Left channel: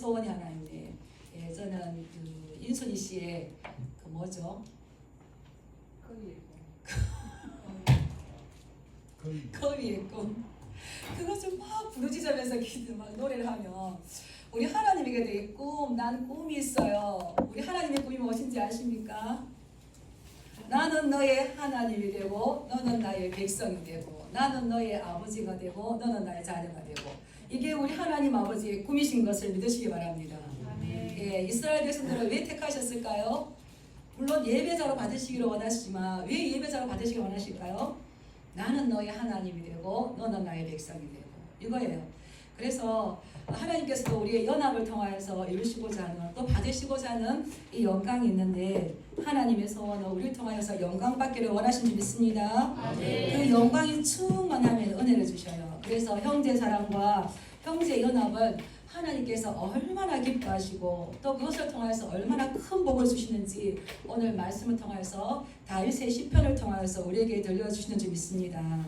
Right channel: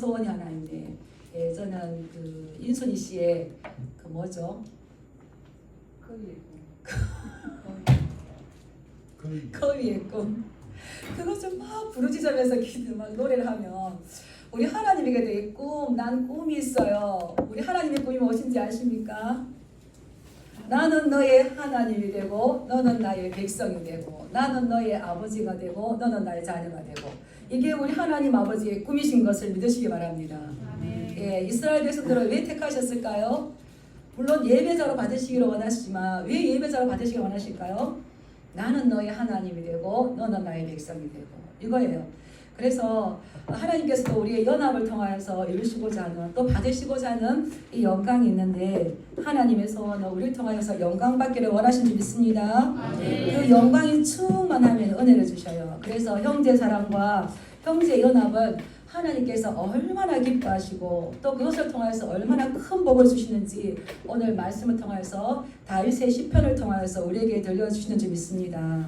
소원이 하나 있네. 예, 저는 그 인순이 씨의 그 뭐죠? 거위의 꿈. 그것을 막 부르짖으면서 막 노래를 하면 우리 하나님에게 대해 꿈, 난 꿈이 있어요. 우리 하나님의 꿈이 무엇인지 아십니까? 나는 너의 하나님이 되고 너는 나의 백성이 되고 나는 너의 아버지가 되고 너는 나의 자녀가 되고 이게 우리 하나님 아버지의 꿈이신 것을 믿으시기 바랍니다. 예, 이스라엘 백성들을 왜 택하셨을까요? 물론 예배자로 받으시기를 원하시지만 왜 예배자로 받으시기를 원하실까요? 나는 너의 하나님이 되고 너는 나의 백성이 되고 이거예요. 그래서 하나님께서도 우리의 연합을 통하여서 이루시고자 하는 또 받으시고자 하는 이 영광이 있는데 하나님의 소원은 우리를 통하여서 영광 받기를 원하신 줄 믿습니다. 그 영광이 충만하면 은혜를 주셔요. 그래서 형제 사랑과 형제 연합은 하나님께서 얼마나 기뻐하시고 또 그것을 통해서 얼마나 큰 복을 주시는지 오늘 말씀을 통해서 다윗의 시편을 통해서 우리에게 들려주시는 줄 믿습니다.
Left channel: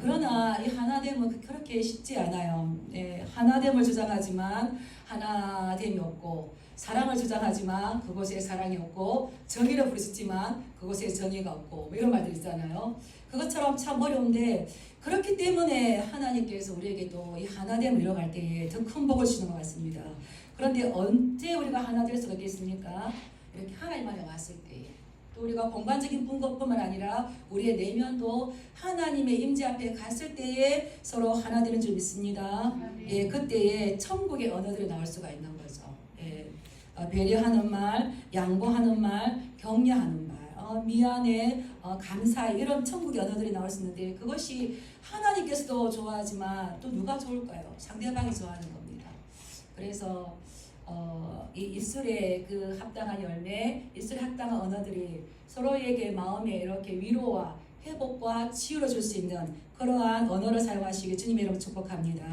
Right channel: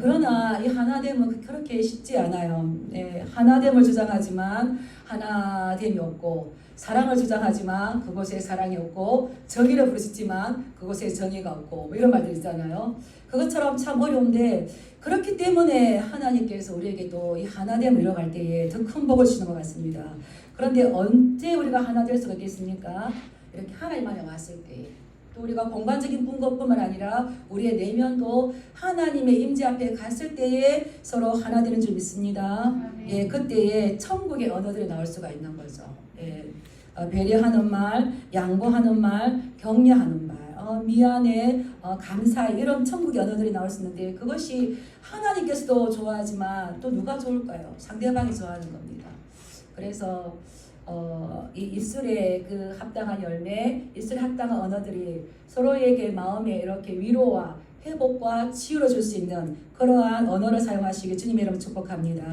그러나 이 하나됨은 그렇게 쉽지 않아요. 예, 하나됨을 주장하지만 하나됨이 없고 사랑을 주장하지만 그곳에 사랑이 없고 정의를 부르시지만 그곳에 정의가 없고 뭐 이런 말들 있잖아요. 그것처럼 참 어려운데 그렇기 때문에 하나님께서 우리에게도 이 하나됨을 이뤄갈 때에 더 큰 복을 주시는 것 같습니다. 그런데 언제 우리가 하나 될 수가 있겠습니까? 이렇게 하나님 안에 왔을 때 또 우리가 공간적인 것뿐만 아니라 우리의 내면도 하나님의 임재 앞에 갔을 때에 서로 하나 되는 줄 믿습니다. 예, 그때에 천국의 언어들이 나올 수가 있는 거죠. 예, 배려하는 말, 양보하는 말, 격려하는 말, 미안해, 감사해 이런 천국의 언어들이 나올 수 있는데 그것이 하나님께서도 좋아하지만 또 누가 좋을까요? 상대방이 좋아하는 겁니다. 그래서 이 입술에 그 합당한 열매, 입술에 합당한 언어들이 서로에게 마음에 이렇게 위로와 회복과 치유를 줄 수 있는 그러한 언어를 사용하시길 주님의 이름으로 축복합니다.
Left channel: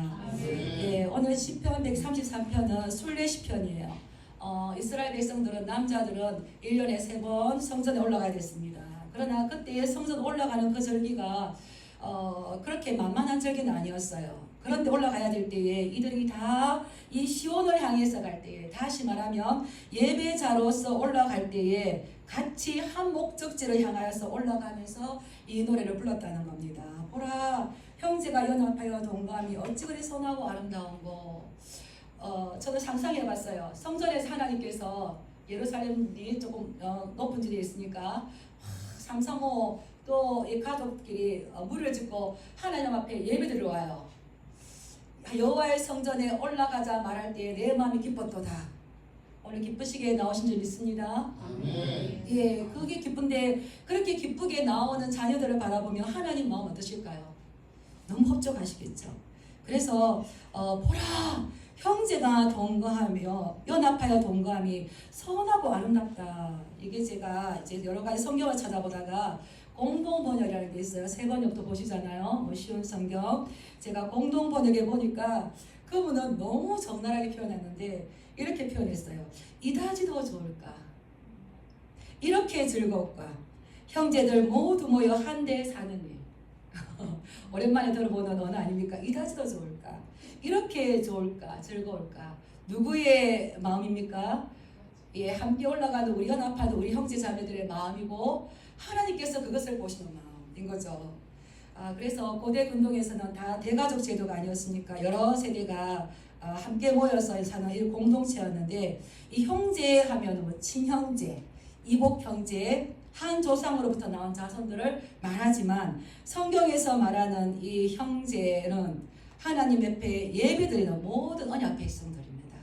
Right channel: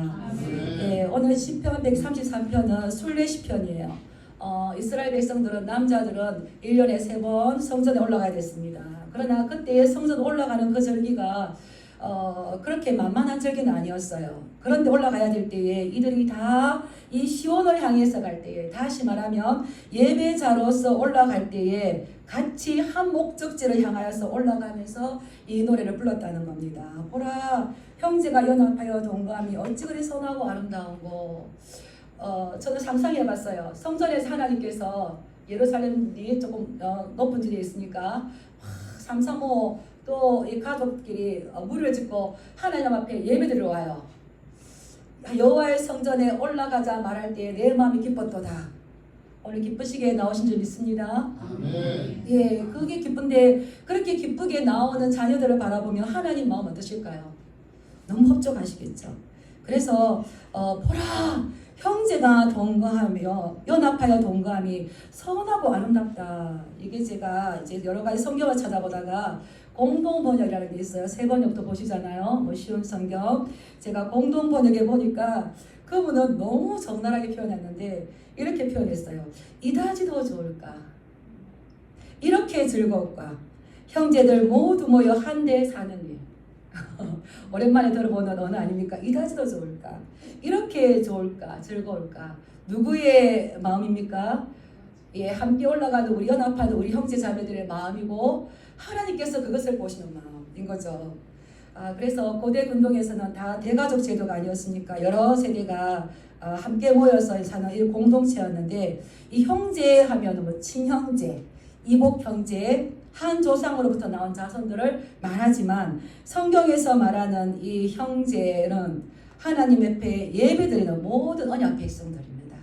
예, 오늘 시편 133편은 순례 시편이에요. 이스라엘 백성들은 남자들은 1년에 3번 성전에 올라가야 됐습니다. 그러나 그때 성전 올라가는 그 절기가 그렇게 만만한 절기는 아니었어요. 그런데 올라가야 될 때에 이들이 다 이 시온을 향해서 갈 때에 다시 말하면 예배자로서 올라갈 때에 같이 한 목적지를 향하여서 올라가면서 이 노래를 불렀다는 겁니다. 보라 형제가 연합하여 동감이 어찌 그리 선하고 아름다운고. 저는 상상해봤어요. 성전에서 하나님께서 예루살렘이 조금 높은 지대에 있으니까 삼삼오 또 이 가족끼리 무리를 짓고 하나님 앞에 예배드리러 와요. 여호와의 성전에 올라가자 말할 때 내 마음이 기뻤도다. 오늘 기쁘시게 나오신 줄 믿습니다. 아멘. 예, 그게 기쁜데 그렇게 기쁘게 나오는 자녀들을 바라보면 하나님 마음 어떠실까요? 너무 흡족하시겠죠. 그래서 보라 형제가 동거하며 연합하여 동거함이 선하고 아름답다. 이게 제가 이제 여러 가지 성경을 찾아보다가 공동번역이라는 게 있어요. 새 번역도 보시잖아요. 뭐 쉬운 성경. 제가 공동번역에 보니까 그분은 너무 적나라하게 표현했는데 이렇게 표현했어요. 이다지도 좋을까? 이렇게 즐겁까? 형제들 모두 모여 한데 사는 일. 오랜만에 들어보는 언어 아닙니까? 이다지도 좋을까? 이렇게 좋을까? 즐거울까? 누구의 마음입니까? 예, 함께 올라가는 우리 연합하는 우리 형제 자매들의 마음이고 하나님께서 그것을 보시는 마음인 거죠. 그래서 고대 근동에서는 다 대가족 제도가 아니었으니까 여러 세대가 함께 모여서 사는 이 공동체였는데 이 형제 하면 뭐 친형제, 이복 형제, 한 조상으로부터 나온 자손들을 말하지만 성경에서 말하는 이 형제는 하나님 앞에 예배드리는 모든 언약 백성들입니다.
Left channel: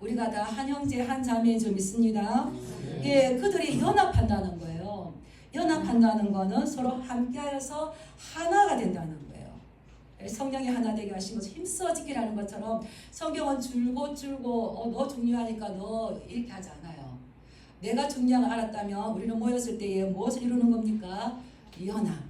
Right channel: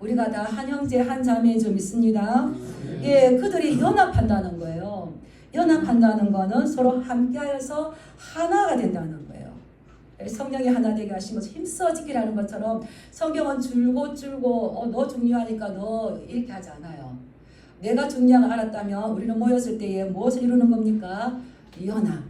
우리가 다 한 형제 한 자매인 줄 믿습니다. 예, 그들이 연합한다는 거예요. 연합한다는 것은 서로 함께하여서 하나가 된다는 거예요. 성경이 하나 되게 하신 것을 힘써 지키라는 것처럼 성경은 줄고 너 중요하니까 너 이렇게 하지 않아요. 내가 중요한 걸 알았다면 우리는 모였을 때에 무엇을 이루는 겁니까? 연합.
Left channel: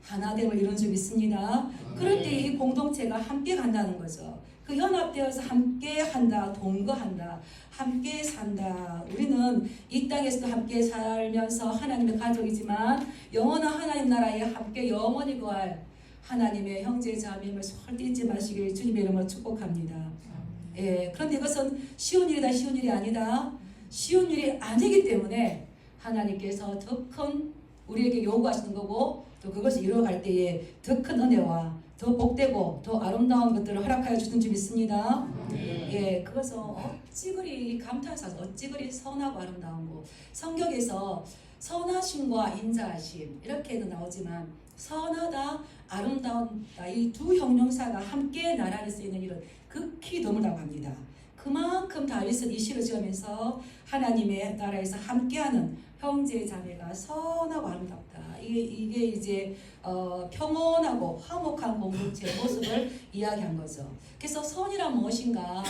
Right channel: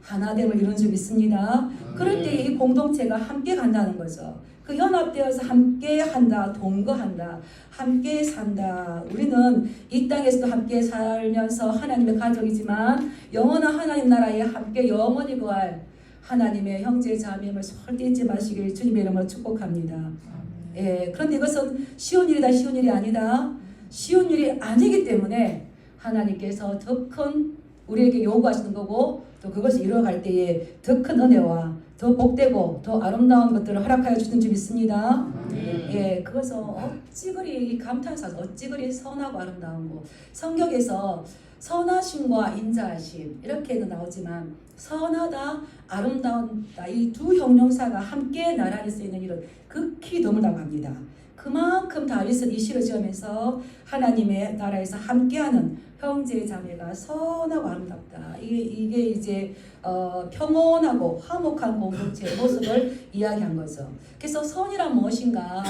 하나됨을 이루는 줄 믿습니다. 그럴 때 이 공동체가 함께 간다는 거죠. 그 연합되어서 함께 한다, 동거한다, 함께 산다. 우리는 이 땅에서도 함께 살면서 하나님의 가족이지만 영원한 하나님 나라에 함께 영원히 거할 하나님의 형제 자매임을 절대 잊지 마시길 주님의 이름으로 축복합니다. 예, 그런데 이것은 쉬운 일이다, 쉬운 일이 아니다. 쉬운 일이 아니기 때문에 하나님께서 더 큰 우리에게 요구하시는 거고, 또 그것을 이루어갈 때에 더 큰 은혜와 더 복되고 더 아름다운 것들을 허락하여 주는 줄 믿습니다. 예, 그것은 어찌 그리 감탄사죠. 어찌 그리 선하고 아름다운 거. 성경에서 선하심과 인자하심 이렇게도 나오지만 선하다, 아름다운다 이 두 형용사가 함께 나란히 쓰이는 일은 극히 드물다고 합니다. 그만큼 다윗은 이 시를 지으면서 하나님의 나라에서 함께하는 형제 자매가 선하고 아름답다. 이게 이제 평온하고 화목한 공동체의 모습을 이야기한 거죠. 그래서 선이란 무엇인가?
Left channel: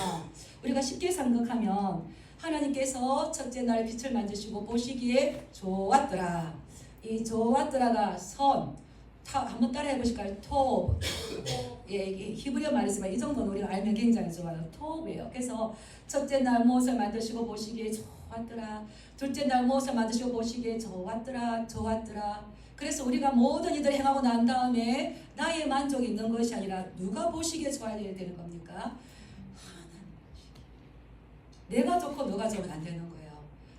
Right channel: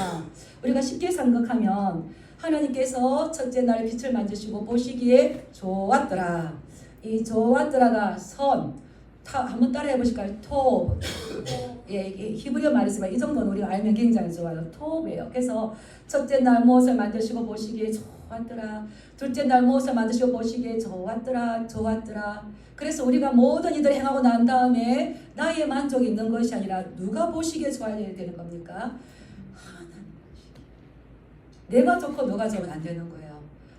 우리가 쉽게 생각하면 하나님께서 첫째 날에 빛을 만드시고 보시기에 좋았더라. 이 좋았더라가 선. 한번 따라해 보실까요? 톱. 예, 히브리어 말이지만 이 정도는 우리가 알면 굉장히 좋아요. 톱이에요. 그래서 첫째 날 무엇을 만드시고 보시기에 좋았더라. 둘째 날 무엇을 만드시고 보시기에 좋았더라. 좋았더라. 그래서 우리가 모든 이들을 행하고 난 다음에 나의 만족이 있는 것이 아니라 누가 보시기에 좋아야 되는 겁니까? 하나님. 내가 좋고 너가 좋으면 안 되는 거예요.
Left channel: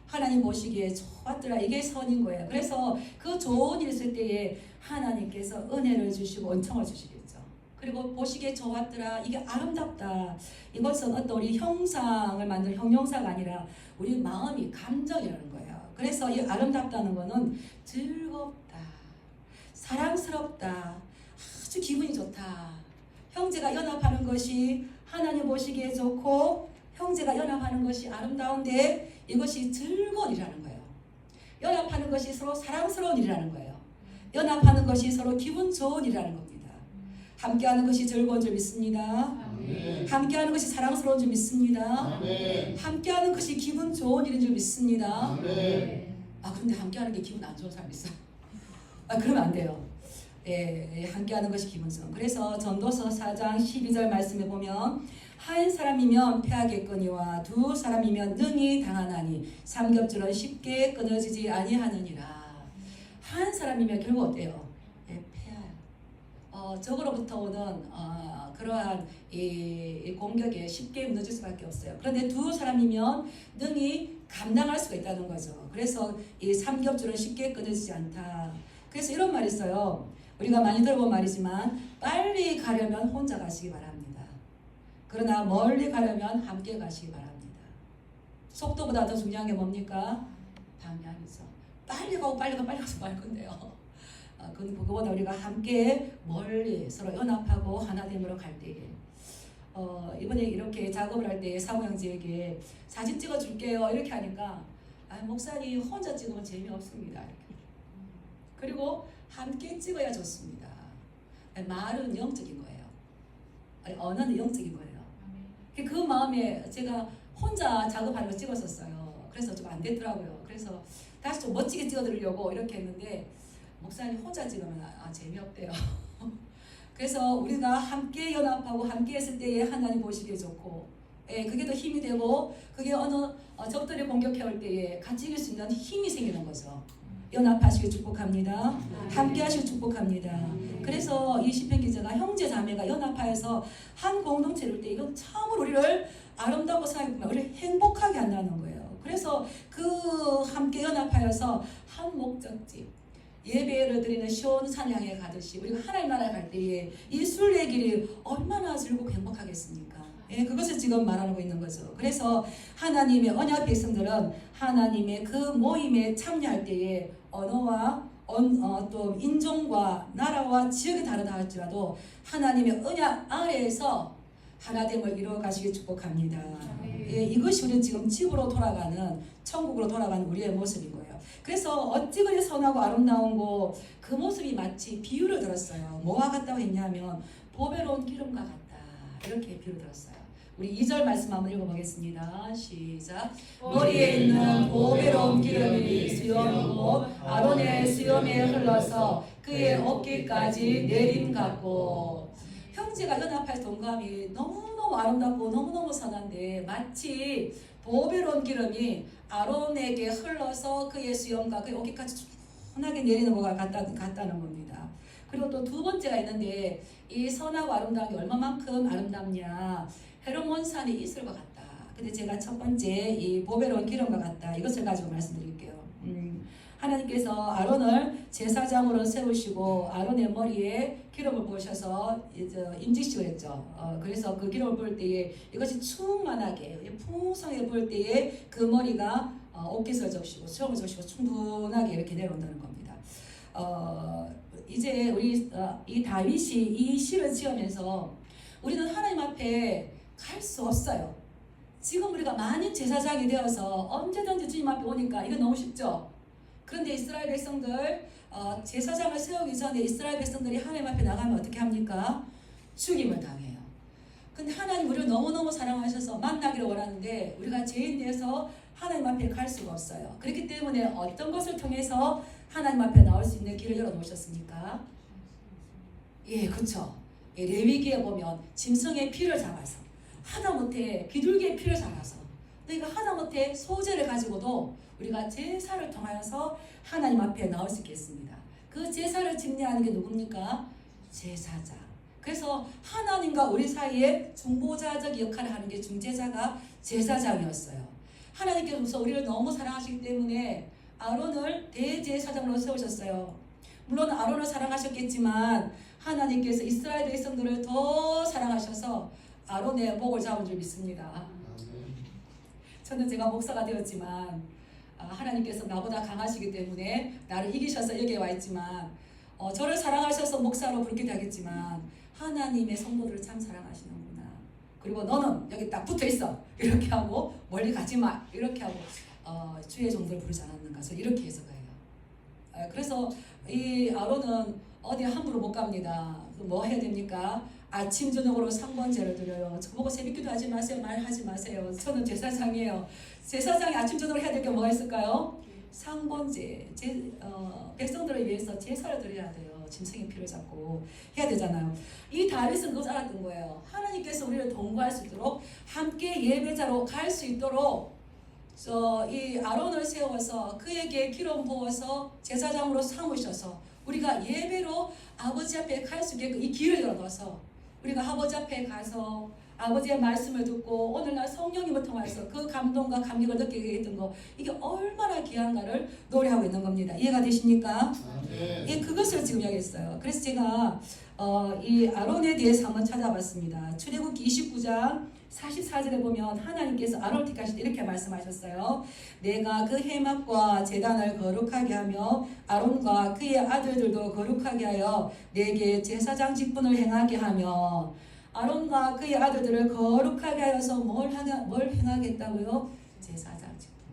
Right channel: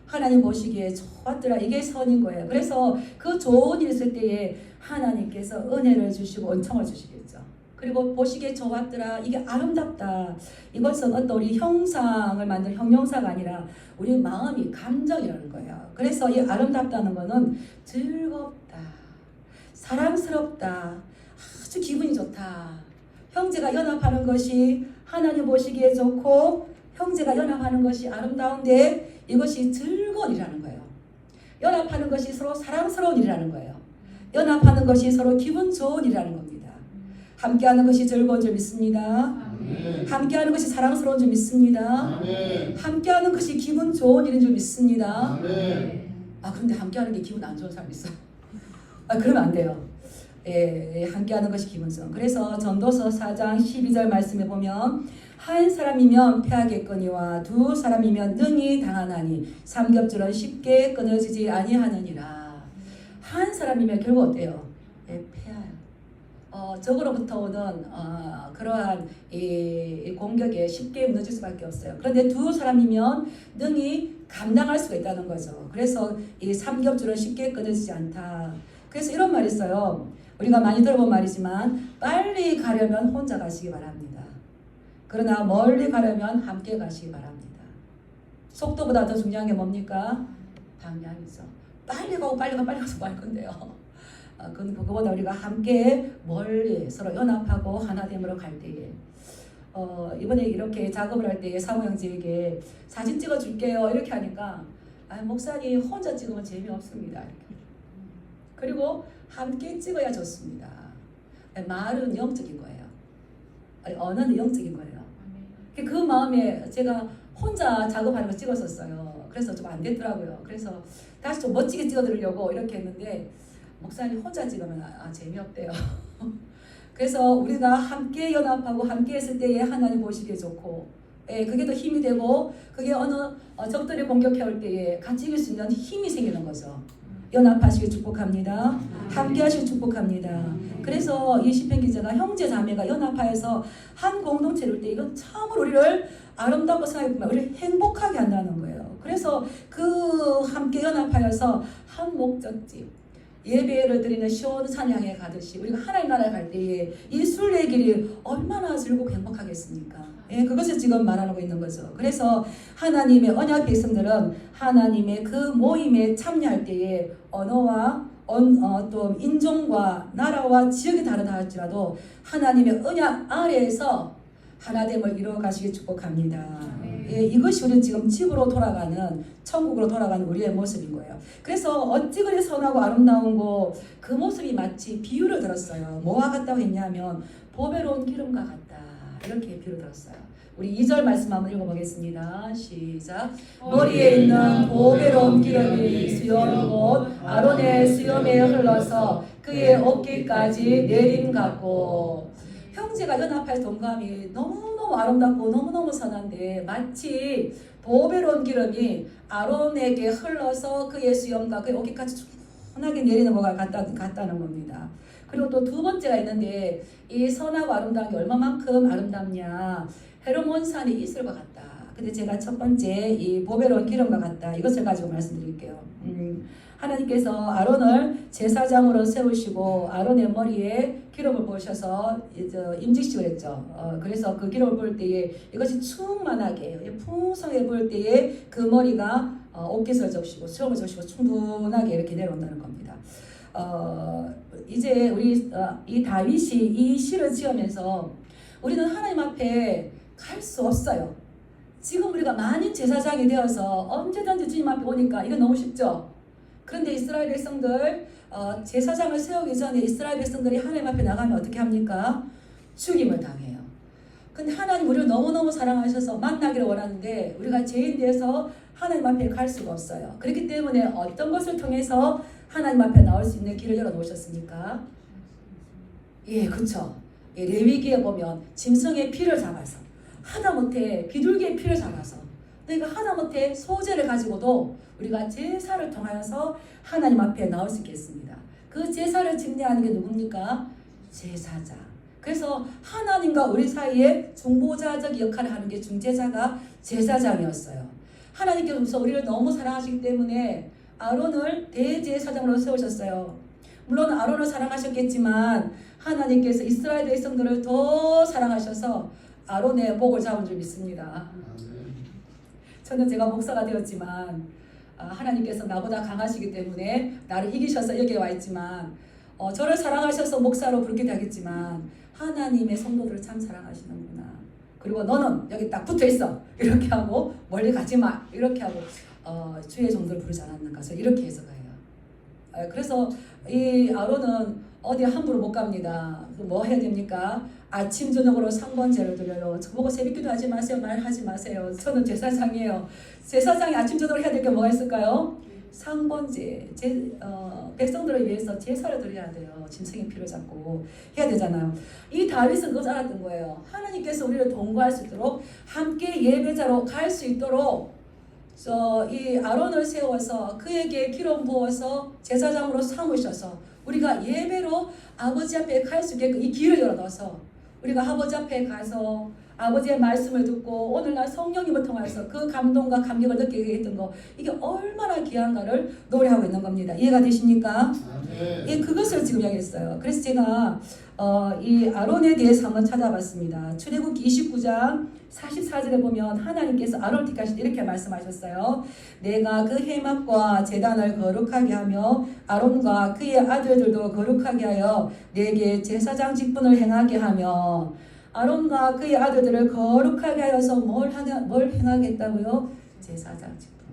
하나님 보시기에 좋았더라. 이게 선인 거예요. 그래서 그 좋은 일 있을 때에 하나님께서 은혜를 주시고 은총을 주시겠죠. 그리고 보시기에 좋았더라. 이게 아름답다. 이것은 어떤 우리 형상을 만든 형용사가 아니라 우리 마음이 감정이라는 거예요. 그래서 이 아름답다는 거는 즐겁다. 사랑스럽다. 아주 기분이 좋다. 형제가 연합하는 것이 하나님 보시기에 좋고 형제가 연합하는 것이 아름다운데 이것이 즐거운 일이라는 거예요. 연합하는 것이 서로 사랑스러운 일이라는 거예요. 연합하는 것이 서로 기분 좋은 일이라는 겁니다. 함께하는 것이 즐거운 줄 믿습니다. 아멘. 함께하는 것이 사랑스러운 줄 믿습니다. 아멘. 함께하는 것이 기분 좋은 일인 줄 믿습니다. 아멘. 그런데 함께하는 게 기분 안 좋은 사람 있어요. 그러면 안 돼요. 예, 함께하는 것이 기분 좋은. 그래서 전도서 4장 12절 말씀에 보면 한 사람이면 패하겠거니와 두 사람이면 능히 당하나니 삼겹줄은 쉽게 끊어지지 아니하느니라. 한 사람이면 결국 어때요? 예, 패해요. 적으로부터 오는 그러한 이 공격에 쉽게 무너질 수밖에 없어요. 그런데 두 사람이면 능히 감당할 수가 있다는 거죠. 그래서 이 삼겹줄은 쉽게 끊어지지 않다. 그래서 이런 말이 있어요. 우리가 많이 들어본 말이지만 빨리 가려면 혼자 가시기 바랍니다. 그러나 멀리 가려면 함께 가시기 바랍니다. 속도보다 더 중요한 게 뭡니까? 방향이죠. 빨리 가고 빨리 가서 뭐 할 건데요. 그거보다 우리가 함께 멀리 서로 연합하고 하나됨으로 갈 때에 이번에 이렇게 작업을 할 때에 사모 형제에게 사진 찍어줄게요 이렇게 하니까 목사님 혼자 찍으면 재미없습니다. 그리고 함께 찍어야 좋습니다. 말은 영적인 거예요. 언어는 영적인 거예요. 그 마음에 제가 혼자 작업하는 거 찍었었어요. 그래서 좀 안 됐더라고요. 그래서 다시 좀 멋지게 찍어드리려고 이렇게 했는데 목사님 혼자 찍으면 재미없대요. 그래서 우리가 함께 연합하고 함께 했을 때에 하나님 보시기에 좋고 그게 더 힘이 되고 그게 어느 적들이 공격해 올 때에 같이 이길 수 있는 힘이 생기는 거죠. 연합하시길 축복합니다. 함께 하시길 축복합니다. 그래서 이 시편 기자가 형제 자매가 연합하여서 한 공동체를 때 이건 참으로 우리를 아름답고 사랑하고 우리를 행복하게 한다는 거예요. 그래서 그 함께 연합하여서 한 목적지 예배를 드리는 시온산 향해 가듯이 우리가 하나님 나라에 갈 때에 이 순례의 길이 얼마나 즐겁고 행복하겠습니까? 그것을 지금 말하고 있는 거죠. 그래서 하나님의 언약 백성들은 하나님의 그 모임에 참여할 때에 언어와 또 인종과 나라와 지역이 다르다 할지라도 하나님의 언약 아래에서 하나됨을 이루어가시길 축복합니다. 이것이 우리 지금 집으로 돌아가는 천국으로 돌아가는 우리의 모습인 거예요. 그래서 어찌 그리 선하고 아름다운 거 그 모습이 마치 비유를 들었어요. 뭐와 같다고 했냐면 보배로운 기름과 같다 이렇게 비유를 들었어요. 우리 2절 말씀 한번 읽어보겠습니다. 시작. 머리에 있는 보배로운 기름이 수염 곧 아론의 수염에 흘러서 그의 어깨까지 내림 같고 형제가 연합할 동감이 너무너무 아름답고 너무너무 선한데 마치 보배로운 기름이 아론에게 흘러서 그의 수염과 그의 어깨까지 순하게 내리는 것과 같다는 겁니다. 그리고 또 두 번째가 있는데 이 선하고 아름다운 게 얼마만큼 아름답냐 헤르몬산이 이슬과 같다. 근데 제가 첫 번째 이 보배로운 기름과 같다. 이것을 가지고 말씀드릴게요. 하나님께서 아론을 제사장으로 세우시고 아론의 머리에 기름을 부으셔서 임직식을 했죠. 그래서 그 기름을 부을 때에 이것이 충만하게 풍성하게 부을 때에 그 머리가 옷깃을 적시고 수염을 적시고 충분하게 이렇게 내려온다는 겁니다. 이제 우리 이 다윗이 이 시를 지으면서 우리는 하나님 앞에 갈 수 없어요. 지금 우리가 많이 제사장이 되어서 언제든지 주님 앞에 오니까 이거 너무 쉽죠. 그런데 이스라엘 백성들 제사장을 세우기 전에 이스라엘 백성들이 하나님 앞에 나가면 어떻게 합니까? 죽임을 당해요. 근데 하나님 우리를 너무너무 사랑하셔서 만나기를 원하는데 우리가 죄인 되어서 하나님 앞에 갈 수가 없어요. 그렇기 때문에 어떤 것을 통해서 하나님 앞에 나올 수 있는 길을 열어놓으셨습니까? 예, 그렇죠. 예, 레위기에 보면 짐승의 피를 잡아서 하다못해 비둘기의 피를 잡아서 그러니까 하다못해 소재를 가지고도 우리가 제사를 통하여서 하나님 앞에 나올 수 있겠습니다. 그 제사를 집례하는 게 누굽니까? 제사장. 그래서 하나님과 우리 사이에 중보자적 역할을 하는 게 중재자가 제사장이었어요. 하나님께서 우리를 너무 사랑하시기 때문에 아론을 대제사장으로 세우셨어요. 물론 아론을 사랑하셨겠지만 하나님께서 이스라엘 백성들을 더 사랑하셔서 아론의 목을 잡은 줄 믿습니다. 저는 제가 목사가 되었지만 하나님께서 나보다 강하시기 때문에 나를 이기셔서 여기에 와 있지만 저를 사랑하셔서 목사로 부르기도 하겠지만 하나님의 성도들을 참 사랑하시는구나. 그리고 너는 여기 딱 붙어 있어 이렇게 하고 멀리 가지 마 이렇게 하고 주의 종들을 부르지 않았는가 해서 이렇게 해석해요. 그래서 이 아론은 어디 함부로 못 갑니다. 뭐 해야 됩니까? 아침 저녁으로 상번제를 드려요. 저보고 새벽기도 하지 마세요. 말하지 마세요. 저는 제사장이에요. 제사장이 아침 저녁으로 해야 될 게 뭐가 있을까요? 상번제. 백성들을 위해서 제사를 드려야 돼요. 짐승의 피를 잡고 해야 되잖아요. 이 다윗은 그거 알았던 거예요. 하나님께서 우리를 동거할 수 있도록 함께 예배자로 갈 수 있도록 이 아론을 세워서 그에게 기름 부어서 제사장으로 삼으셔서 우리가 예배로 아버지 앞에 갈 수 있게끔 이 길을 열어놔서 우리가 아버지 앞에 가서 아버지의 말씀을 듣고 오늘날 성령님을 통해서 그 감동과 감격을 느끼게 했던 거 이게 얼마나 귀한가를 노래하고 있는 겁니다. 이해가 되십니까? 예, 그것을 지금 이야기했어요. 그래서 제가 이 아론에 대해서 한번 찾아봤습니다. 출애굽기 29장 44절에 보면 하나님께서 아론을 택하실 때 이렇게 말씀하셨어요. 내가 그 회막과 제단을 거룩하게 하며 아론과 그의 아들들도 거룩하게 하여 내게 제사장 직분을 행하게 하며 아론과 그의 아들들을 거룩하게 하여서 뭘 행하겠다고요? 제사장 직분.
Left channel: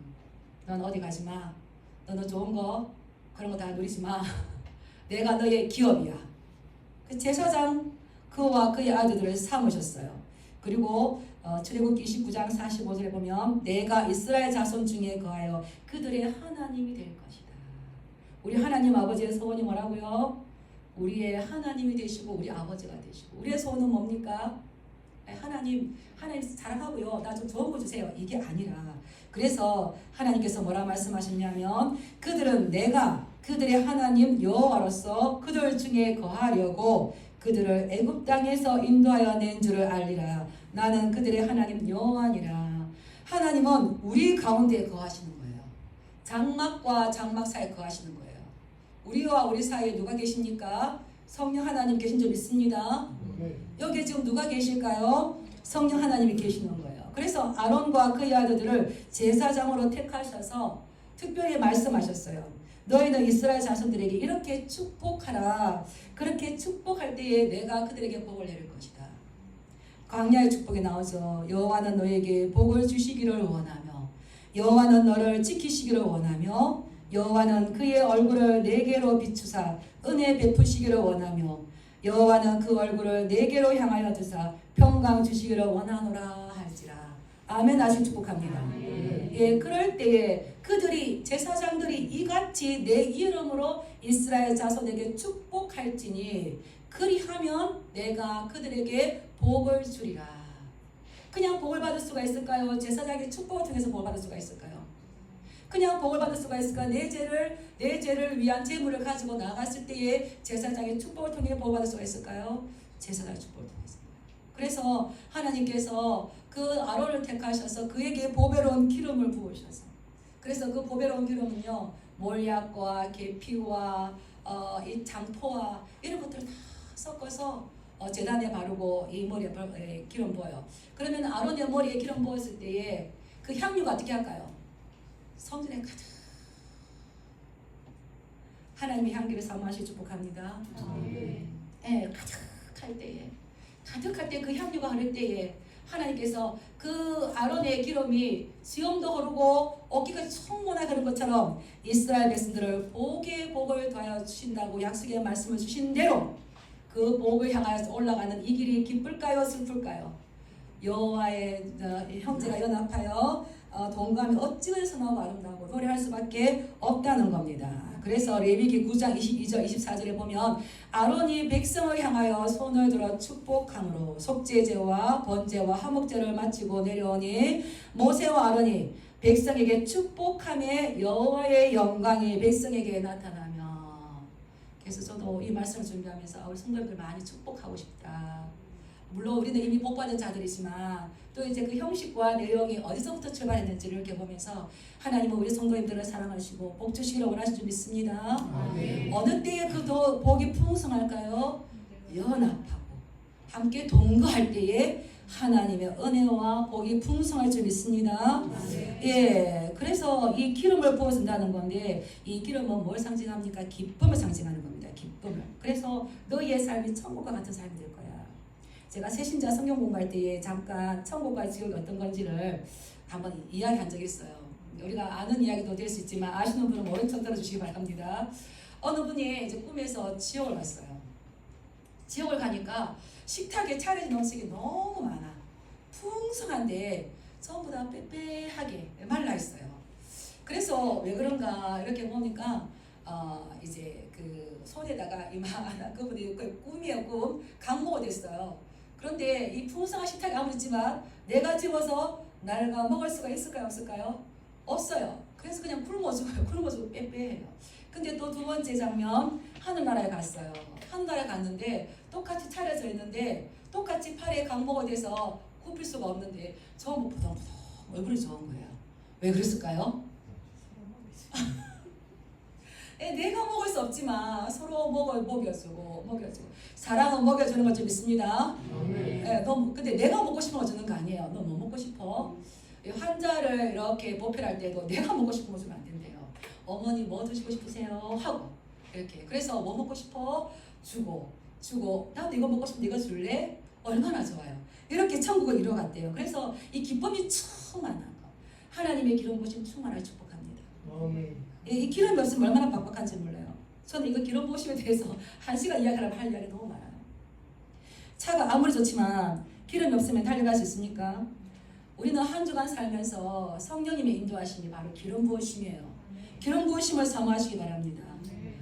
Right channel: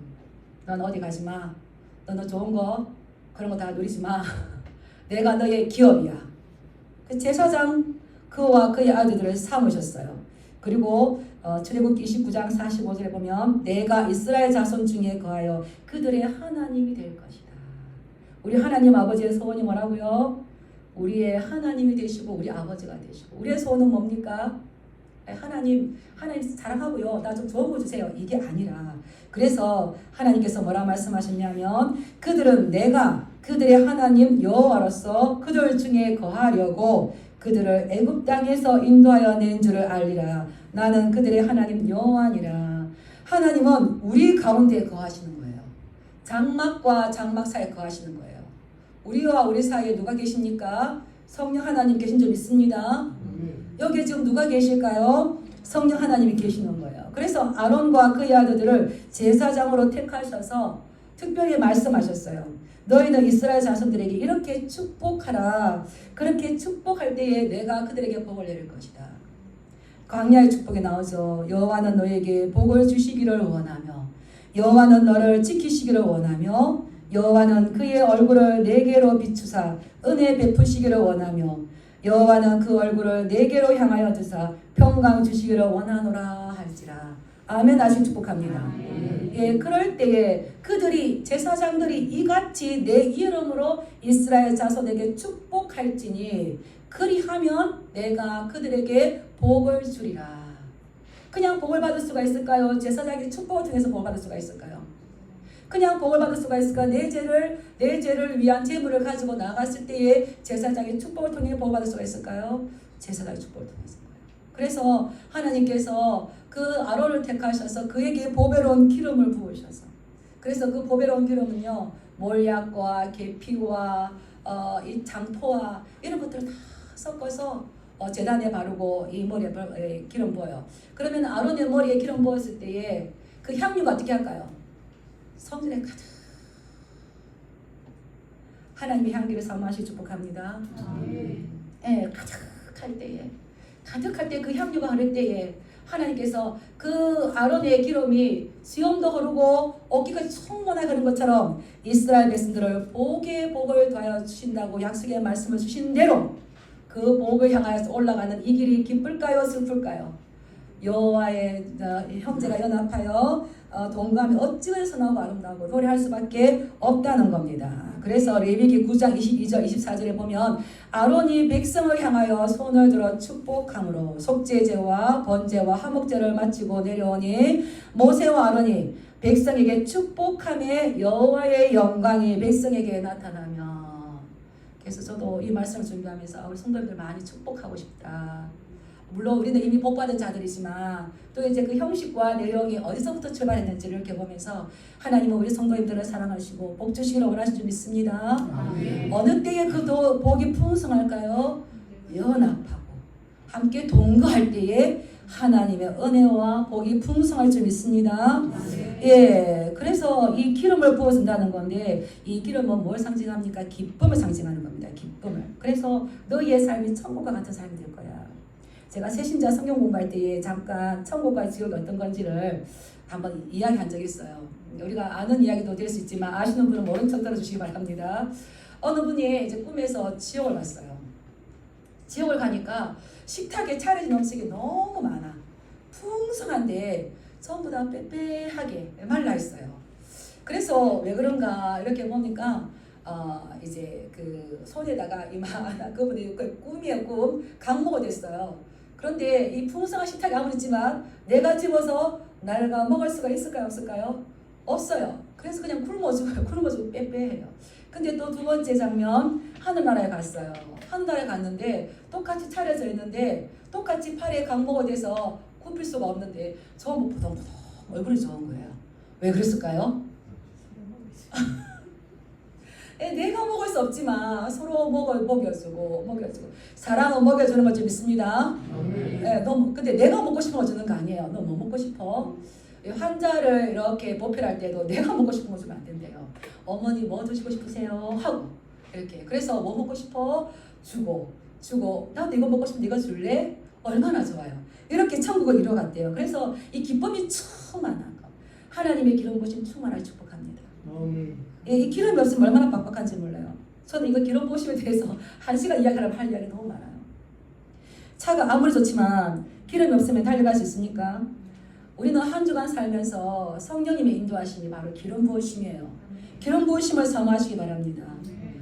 넌 어디 가지 마. 너는 좋은 거 그런 거 다 누리지 마. 내가 너의 기업이야. 제사장 그와 그의 아들들을 삼으셨어요. 그리고 출애굽기 29장 45절에 보면 내가 이스라엘 자손 중에 거하여 그들의 하나님이 될 것이다. 우리 하나님 아버지의 소원이 뭐라고요? 우리의 하나님이 되시고 우리 아버지가 되시고 우리의 소원은 뭡니까? 하나님 사랑하고요. 나 좀 좋은 거 주세요. 이게 아니라 그래서 하나님께서 뭐라 말씀하셨냐면 그들은 내가 그들의 하나님 여호와로서 그들 중에 거하려고 그들을 애굽 땅에서 인도하여 낸 줄을 알리라. 나는 그들의 하나님 여호와니라. 하나님은 우리 가운데 거하시는 거예요. 장막과 장막 사이에 거하시는 거예요. 우리와 우리 사이에 누가 계십니까? 성령 하나님 계신 줄 믿습니다. 여기에 지금 누가 계실까요? 성령 하나님이 계시는 거예요. 그래서 아론과 그의 아들들을 제사장으로 택하셔서 특별히 말씀하셨어요. 너희는 이스라엘 자손들에게 이렇게 축복하라. 그렇게 축복할 때에 내가 그들에게 복을 내릴 것이다. 광야의 축복에 나오죠. 여호와는 너에게 복을 주시기를 원하며 여호와는 너를 지키시기를 원하며 여호와는 그의 얼굴을 내게로 비추사 은혜 베푸시기를 원하며 여호와는 그 얼굴을 내게로 향하여 드사 평강 주시기를 원하노라 할지라. 아멘 하시고 축복합니다. 예, 그럴 때에 그들이 제사장들이 이같이 내 이름으로 이스라엘 자손에게 축복할지니 그리하면 내가 그들에게 복을 주리라. 그냥 복을 받을 수가 있을까요? 제사장이 축복을 통해서 복을 받을 수가 있을까요? 그냥 복을 받을 수가 있을까? 내 죄를 위한 제물을 가지고 나갔을 때에 제사장의 축복을 통해 복을 받을 수가 있을까요? 제사장의 축복을 통해서. 그래서 하나님께서 그 아론을 택하셔서 그에게 보배로운 기름을 부으셔서, 그래서 그 보배로운 기름은요, 몰약과 계피와 이 장포와 이런 것들을 다 섞어서 제단에 바르고 이 머리에 기름 부어요. 그러면 아론의 머리에 기름 부었을 때에 그 향유가 어떻게 할까요? 성전에 가득, 하나님의 향기를 사모하시 축복합니다. 예, 가득할 때 그 향유가 흐를 때에 하나님께서 그 아론의 기름이 수염도 흐르고 어깨가 충분하게 흐른 것처럼 이스라엘 백성들을 복에 복을 더하여 주신다고 약속의 말씀을 주신 대로 그 복을 향하여서 올라가는 이 길이 기쁠까요, 슬플까요? 여호와의 형제가 연합하여 동감이 어찌나 선하고 아름다고 노래할 수밖에 없다는 겁니다. 그래서 레위기 9장 22절 24절에 보면 아론이 백성을 향하여 손을 들어 축복함으로 속죄제와 번제와 화목제를 마치고 내려오니 모세와 아론이 백성에게 축복함에 여호와의 영광이 백성에게 나타나며, 그래서 저도 이 말씀을 준비하면서 우리 성도님들 많이 축복하고 싶다. 물론 우리는 이미 복받은 자들이지만 또 이제 그 형식과 내용이 어디서부터 출발했는지를 이렇게 보면서 하나님은 우리 성도님들을 사랑하시고 복 주시기를 원하시는 줄 믿습니다. 어느 때에 그 복이 풍성할까요? 연합하고 함께 동거할 때에 하나님의 은혜와 복이 풍성할 줄 믿습니다. 예, 그래서 이 기름을 부어준다는 건데 이 기름은 뭘 상징합니까? 기쁨을 상징하는 겁니다. 기쁨을. 그래서 너희의 삶이 천국과 같은 삶이 될 거야. 제가 새신자 성경 공부할 때에 잠깐 천국과 지옥이 어떤 건지를 한번 이야기한 적이 있어요. 우리가 아는 이야기도 될 수 있지만 아시는 분은 모른 척 들어주시기 바랍니다. 어느 분이 이제 꿈에서 지옥을 갔어요. 지옥을 가니까 식탁에 차려진 음식이 너무 많아. 풍성한데 전부 다 빼빼하게 말라 있어요. 그래서 왜 그런가 이렇게 보니까 이제 그 손에다가 이만한 그분이 꿈이야 꿈 강모가 됐어요. 그런데 이 풍성한 식탁이 아무리 있지만 내가 집어서 날가 먹을 수가 있을까요, 없을까요? 없어요. 그래서 그냥 굶어주고 빼빼해요. 근데 또 두 번째 장면, 하늘나라에 갔어요. 하늘나라에 갔는데 똑같이 차려져 있는데 똑같이 팔에 강모가 돼서 굽힐 수가 없는데 전부 보동보동 얼굴이 좋은 거예요. 왜 그랬을까요? 내가 먹을 수 없지만 서로 먹여주고 사랑은 먹여주는 걸 좀 믿습니다. 근데 내가 먹고 싶은 거 주는 거 아니에요. 너 뭐 먹고 싶어? 환자를 이렇게 보필할 때도 내가 먹고 싶은 거 주면 안 된대요. 어머니 뭐 드시고 싶으세요? 하고 이렇게. 그래서 뭐 먹고 싶어? 주고 나도 이거 먹고 싶으면 네가 줄래? 얼마나 좋아요. 이렇게 천국을 이뤄갔대요. 그래서 이 기쁨이 충만한 거, 하나님의 기름 부으심 충만하게 축복합니다. 이 기름이 없으면 얼마나 빡빡한지 몰라요. 저는 이거 기름 부으심에 대해서 1시간 이야기하면 할 이야기 너무 많아요. 차가 아무리 좋지만 기름이 없으면 달려갈 수 있습니까? 우리는 한 주간 살면서 성령님의 인도하심이 바로 기름 부으심이에요. 기름 부으심을 사모하시기 바랍니다.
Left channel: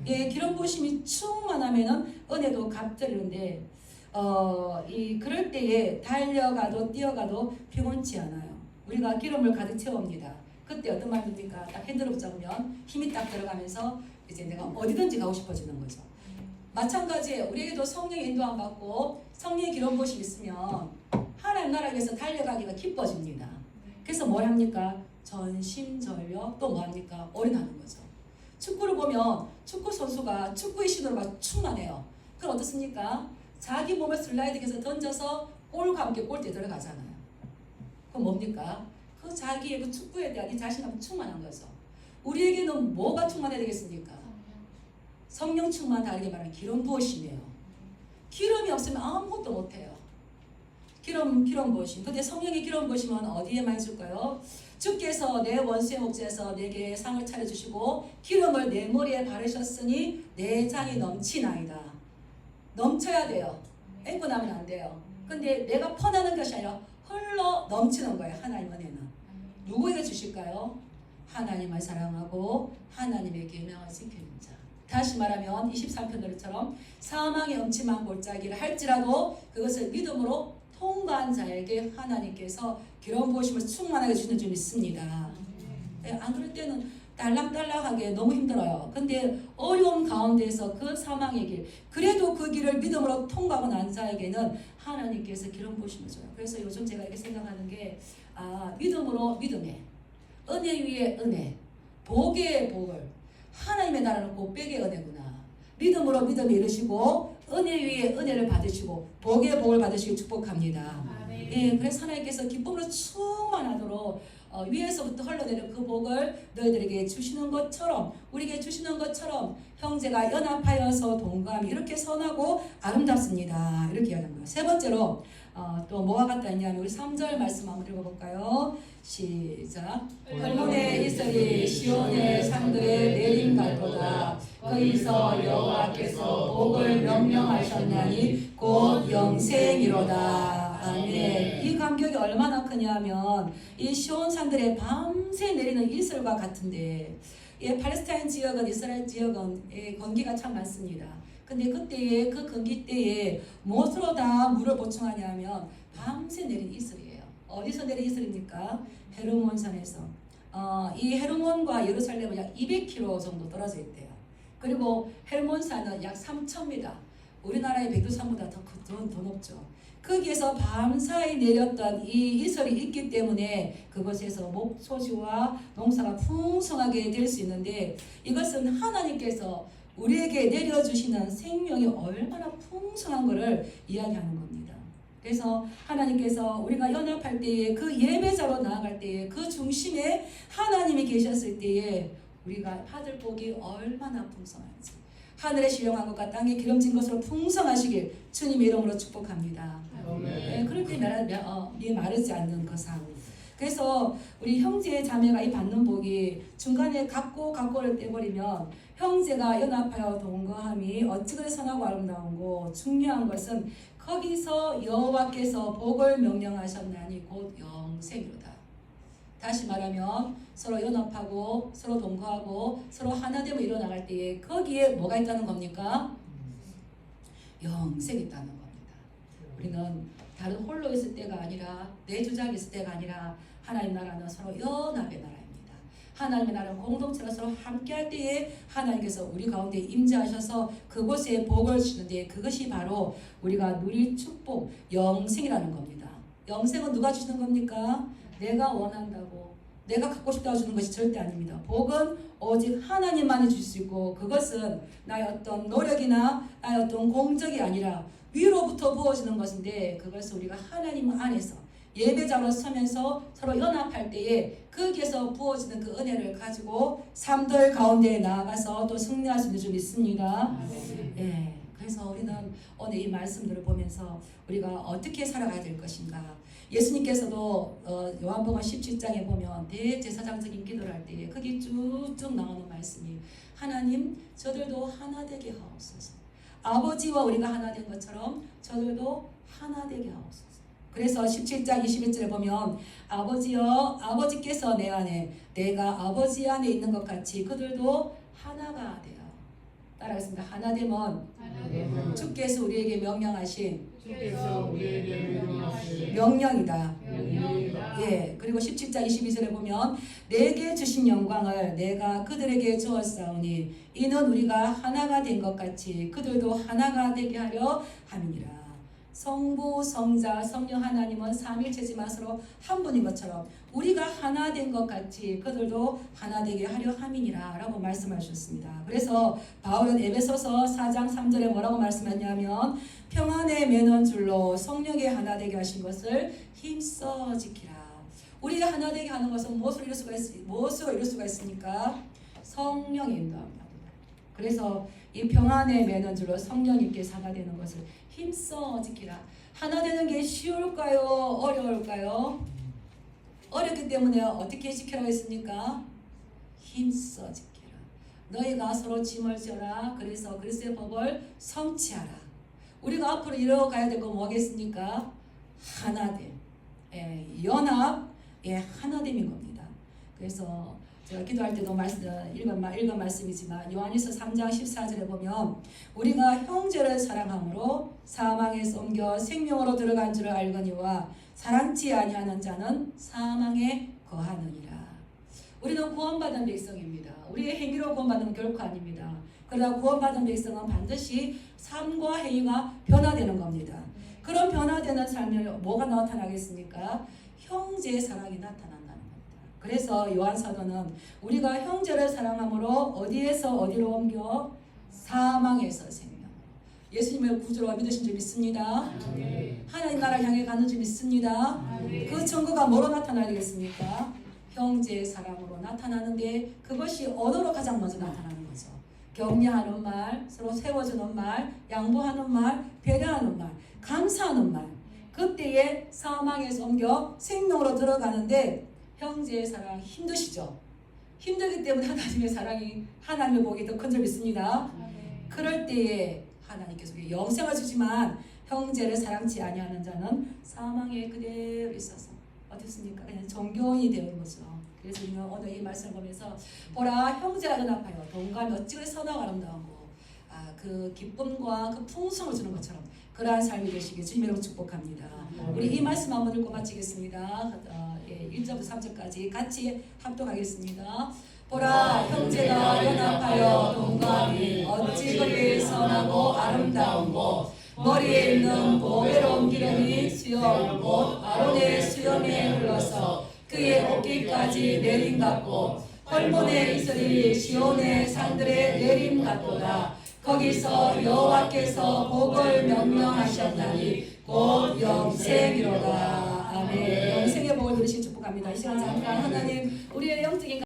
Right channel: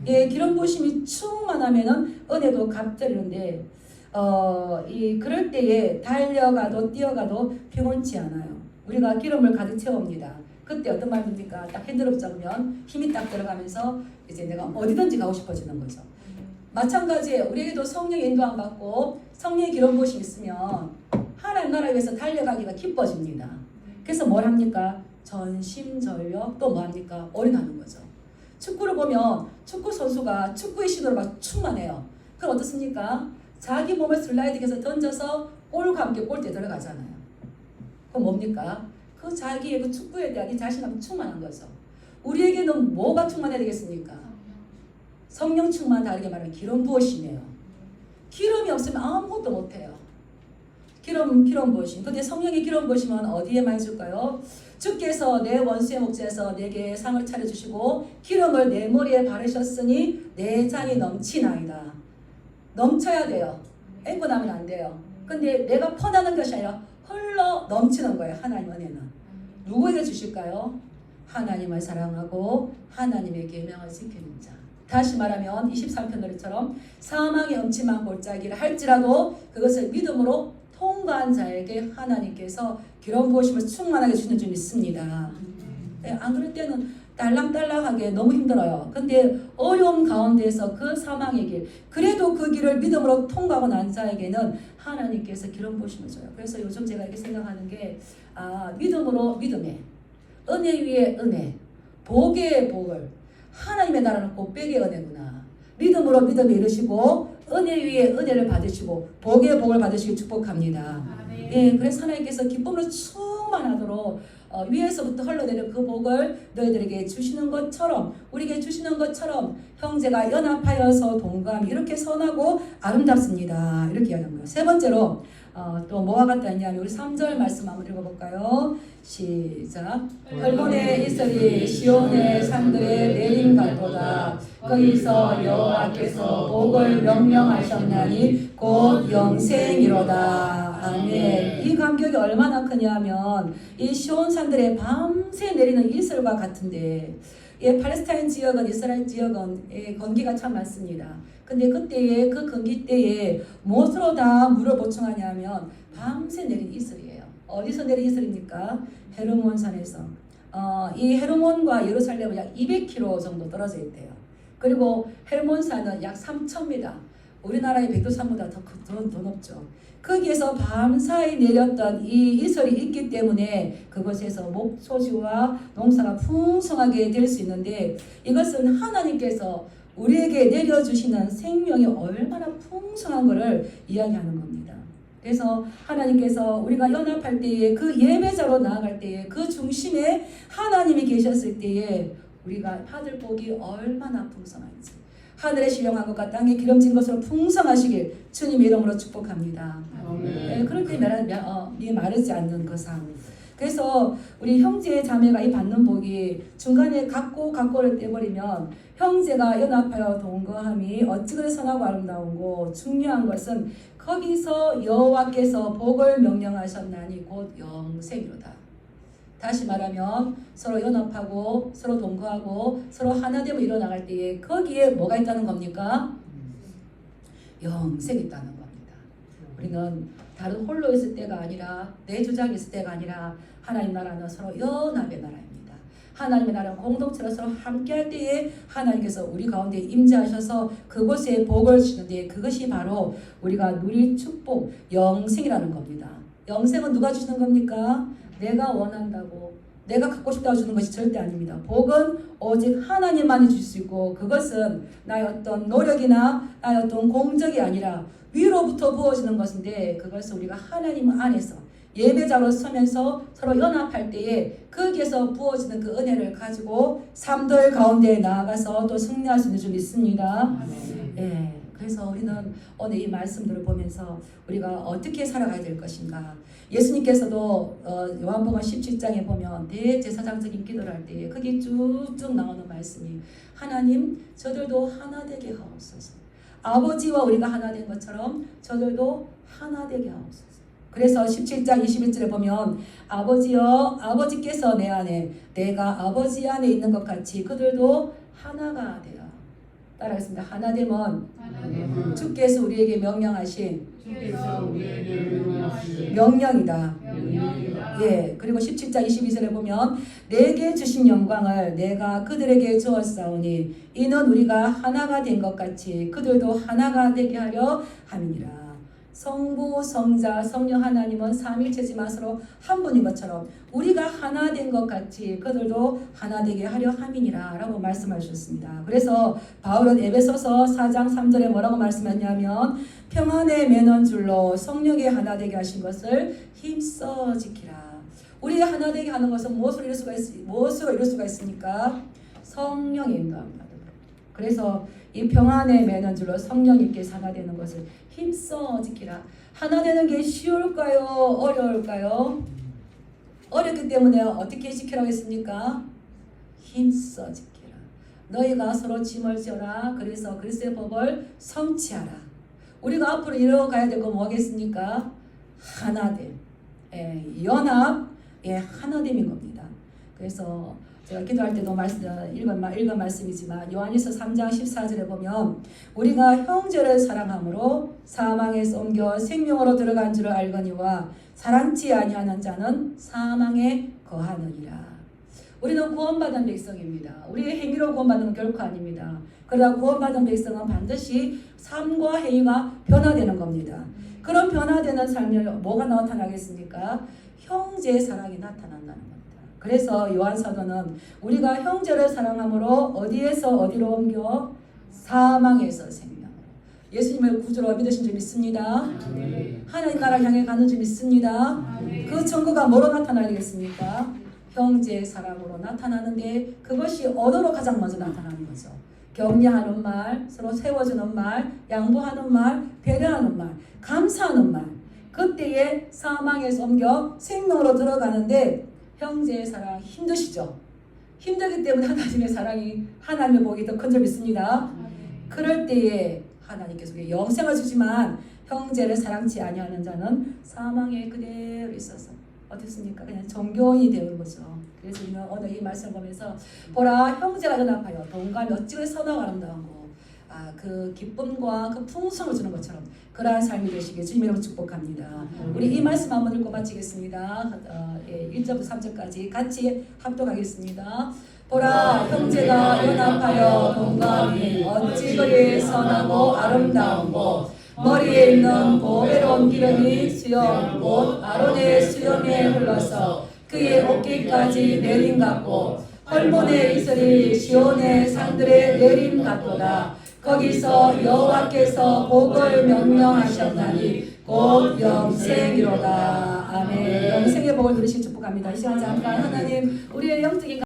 예, 기름 부으심이 충만하면은 은혜도 값들이는데 그럴 때에 달려가도 뛰어가도 피곤치 않아요. 우리가 기름을 가득 채웁니다. 그때 어떤 말입니까? 딱 핸들을 잡으면 힘이 딱 들어가면서 이제 내가 어디든지 가고 싶어지는 거죠. 마찬가지예요. 우리에게도 성령의 인도함 받고 성령의 기름 부으심이 있으면 하나님 나라에 위해서 달려가기가 기뻐집니다. 그래서 뭘 합니까? 전심전력 또 뭐 합니까? 올인하는 거죠. 축구를 보면 축구 선수가 축구의 신으로 막 충만해요. 그럼 어떻습니까? 자기 몸을 슬라이딩해서 던져서 골과 함께 골대에 들어가잖아요. 그럼 뭡니까? 그 자기의 그 축구에 대한 이 자신감이 충만한 거죠. 우리에게는 뭐가 충만해야 되겠습니까? 성령 충만, 다르게 말하면 기름 부으심이에요. 기름이 없으면 아무것도 못해요. 기름 부으심. 근데 성령의 기름 부으심은 어디에 많이 줄까요? 주께서 내 원수의 목자에서 내게 상을 차려주시고 기름을 내 머리에 바르셨으니 내 잔이 넘치나이다. 넘쳐야 돼요. 앵고 나면 안 돼요. 근데 내가 퍼나는 것이 아니라 흘러 넘치는 거예요. 하나님 은혜는. 누구에게 주실까요? 하나님을 사랑하고 하나님의 계명을 지키는 자. 다시 말하면 23편 노래처럼 사망의 음침한 골짜기를 할지라도 그것을 믿음으로 통과한 자에게 하나님께서 기름 부으심을 충만하게 주는 줄 믿습니다. 안 그럴 때는 딸랑딸랑하게 너무 힘들어요. 근데 어려움 가운데서 그 사망의 길, 그래도 그 길을 믿음으로 통과하고 난 자에게는 하나님께서 기름 부으심을 줘요. 그래서 요즘 제가 이렇게 생각하는 게 믿음으로 믿음에, 은혜 위에 은혜, 복의 복을, 하나님의 나라는 곱백의 은혜구나. 믿음으로 믿음에 이르시고 은혜 위에 은혜를 받으시고 복의 복을 받으시길 축복합니다. 네, 그래서 하나님께서 기쁨으로 충만하도록 위에서부터 흘러내리는 그 복을 너희들에게 주시는 것처럼, 우리에게 주시는 것처럼 형제가 연합하여서 동감이 이렇게 선하고 아름답습니다. 이렇게 이야기합니다. 세 번째로 또 뭐가 같다 했냐면 우리 3절 말씀 한번 읽어볼까요? 시작. 헐몬의 이슬이 시온의 산들에 내린 갈보다 거기서 여호와께서 복을 명령하셨나니 곧 영생이로다. 아멘. 이 감격이 얼마나 크냐면 이 시온 산들에 밤새 내리는 이슬과 같은데, 팔레스타인 지역은, 이스라엘 지역은 건기가 참 많습니다. 근데 그때에, 그 건기 때에 무엇으로 다 물을 보충하냐면 밤새 내린 이슬이에요. 어디서 내린 이슬입니까? 헤르몬산에서. 이 헤르몬과 예루살렘은 약 200km 정도 떨어져 있대요. 그리고 헤르몬산은 약 3,000m, 우리나라의 백두산보다 더 높죠. 거기에서 밤사이 내렸던 이 이슬이 있기 때문에 그곳에서 목소지와 농사가 풍성하게 될 수 있는데, 이것은 하나님께서 우리에게 내려주시는 생명이 얼마나 풍성한 것을 이야기하는 겁니다. 그래서 하나님께서 우리가 연합할 때에, 그 예배자로 나아갈 때에, 그 중심에 하나님이 계셨을 때에 우리가 받을 복이 얼마나 풍성한지, 하늘의 신령한 것과 땅에 기름진 것으로 풍성하시길 주님의 이름으로 축복합니다. 네, 그렇게 마르지 않는 그 삶. 그래서 우리 형제 자매가 이 받는 복이 중간에 각고를 떼버리면, 형제가 연합하여 동거함이 어찌 그리 선하고 아름다운고, 중요한 것은 거기서 여호와께서 복을 명령하셨나니 곧 영생이로다. 다시 말하면 서로 연합하고 서로 동거하고 서로 하나됨을 이뤄나갈 때에 거기에 뭐가 있다는 겁니까? 영생이 있다는 겁니다. 우리는 다른 홀로 있을 때가 아니라, 내 주장이 있을 때가 아니라, 하나님 나라는 서로 연합의 나라입니다. 하나님의 나라는 공동체로 서로 함께할 때에 하나님께서 우리 가운데 임재하셔서 그곳에 복을 주시는데, 그것이 바로 우리가 누릴 축복, 영생이라는 겁니다. 영생은 누가 주시는 겁니까? 내가 원한다고, 내가 갖고 싶다고 주는 것이 절대 아닙니다. 복은 오직 하나님만이 줄 수 있고, 그것은 나의 어떤 노력이나 나의 어떤 공적이 아니라 위로부터 부어지는 것인데, 그것을 우리가 하나님 안에서 예배자로 서면서 서로 연합할 때에 거기에서 부어지는 그 은혜를 가지고 삶들 가운데 나아가서 또 승리할 수 있는 줄 믿습니다. 네, 그래서 우리는 오늘 이 말씀들을 보면서 우리가 어떻게 살아가야 될 것인가. 예수님께서도 요한복음 17장에 보면 대제사장적인 기도를 할 때에 거기 쭉쭉 나오는 말씀이, 하나님 저들도 하나 되게 하옵소서. 아버지와 우리가 하나 된 것처럼 저들도 하나 되게 하옵소서. 그래서 17장 21절에 보면, 아버지여, 아버지께서 내 안에, 내가 아버지 안에 있는 것 같이 그들도 하나가 되어. 따라하겠습니다. 하나됨은 주께서 우리에게 명령하신 명령이다. 예, 그리고 17장 22절에 보면, 내게 주신 영광을 내가 그들에게 주었사오니 이는 우리가 하나가 된 것 같이 그들도 하나가 되게 하려 함이니라. 성부, 성자, 성령 하나님은 삼일체지만 서로 한 분인 것처럼 우리가 하나 된 것 같이 그들도 하나 되게 하려 함이니라 라고 말씀하셨습니다. 그래서 바울은 에베소서 4장 3절에 뭐라고 말씀했냐면, 평안에 매는 줄로 성령에 하나 되게 하신 것을 힘써 지키라. 우리가 하나 되게 하는 것은 무엇으로 이룰 수가 있습니까? 성령의 인도합니다. 그래서 이 평안에 매는 줄로 성령님께서 하나 되는 것을 힘써 지키라. 하나 되는 게 쉬울까요? 어려울까요? 어렵기 때문에 어떻게 지키라고 했습니까? 힘써 지키라. 너희가 서로 짐을 지어라. 그래서 그리스도의 법을 성취하라. 우리가 앞으로 이뤄가야 될 건 뭐겠습니까? 하나됨, 연합, 하나됨인 겁니다. 그래서 제가 기도할 때도 읽은 말씀이지만, 요한일서 3장 14절에 보면, 우리가 형제를 사랑함으로 사망에서 옮겨 생명으로 들어간 줄을 알거니와 사랑치 아니하는 자는 사망에 거하느니라. 우리는 구원받은 백성입니다. 우리의 행위로 구원받는 건 결코 아닙니다. 그러나 구원받은 백성은 반드시 삶과 행위가 변화되는 겁니다. 그런 변화되는 삶에 뭐가 나타나겠습니까? 형제의 사랑이 나타난다는 겁니다. 그래서 요한사도는 우리가 형제를 사랑함으로 어디에서 어디로 옮겨? 사망에서 생명으로. 예수님을 구주로 믿으신 줄 믿습니다. 하나님 나라를 향해 가는 줄 믿습니다. 그 증거가 뭐로 나타나겠습니까? 형제의 사랑으로 나타나는데 그것이 언어로 가장 먼저 나타나는 거죠. 격려하는 말, 서로 세워주는 말, 양보하는 말, 배려하는 말, 감사하는 말. 그때에 사망에서 옮겨 생명으로 들어가는데 형제의 사랑 힘드시죠? 힘들기 때문에 하나님의 사랑이 하나님의 복이 더 큰 줄 믿습니다. 그럴 때에 하나님께서 영생을 주지만 형제를 사랑치 아니하는 자는 사망에 그대로 있어서 어떻습니까? 그냥 정교인이 되는 거죠. 그래서 우리는 오늘 이 말씀 보면서 보라 형제가 연합하여 동감이 어찌 선하고 아름다운고 그 기쁨과 그 풍성을 주는 것처럼 그러한 삶이 되시길 주님으로 축복합니다. 우리 이 말씀 한번 읽고 마치겠습니다. 1절부터 3절까지 같이 합독하겠습니다. 보라 형제가 연합하여 동감이 어찌 그리 선하고 아름다운고 머리에 있는 보배로운 기름이 수염 곧 아론의 수염에 흘러서 그의 어깨까지 내림 같고 헐몬의 이슬이 시온의 산들의 내림 같도다. 거기서 여호와께서 복을 명령하셨나니 곧 영생이로다. 아멘. 영생의 복을 누리신 축복합니다. 이 시간 잠깐 하나님 우리의 영적인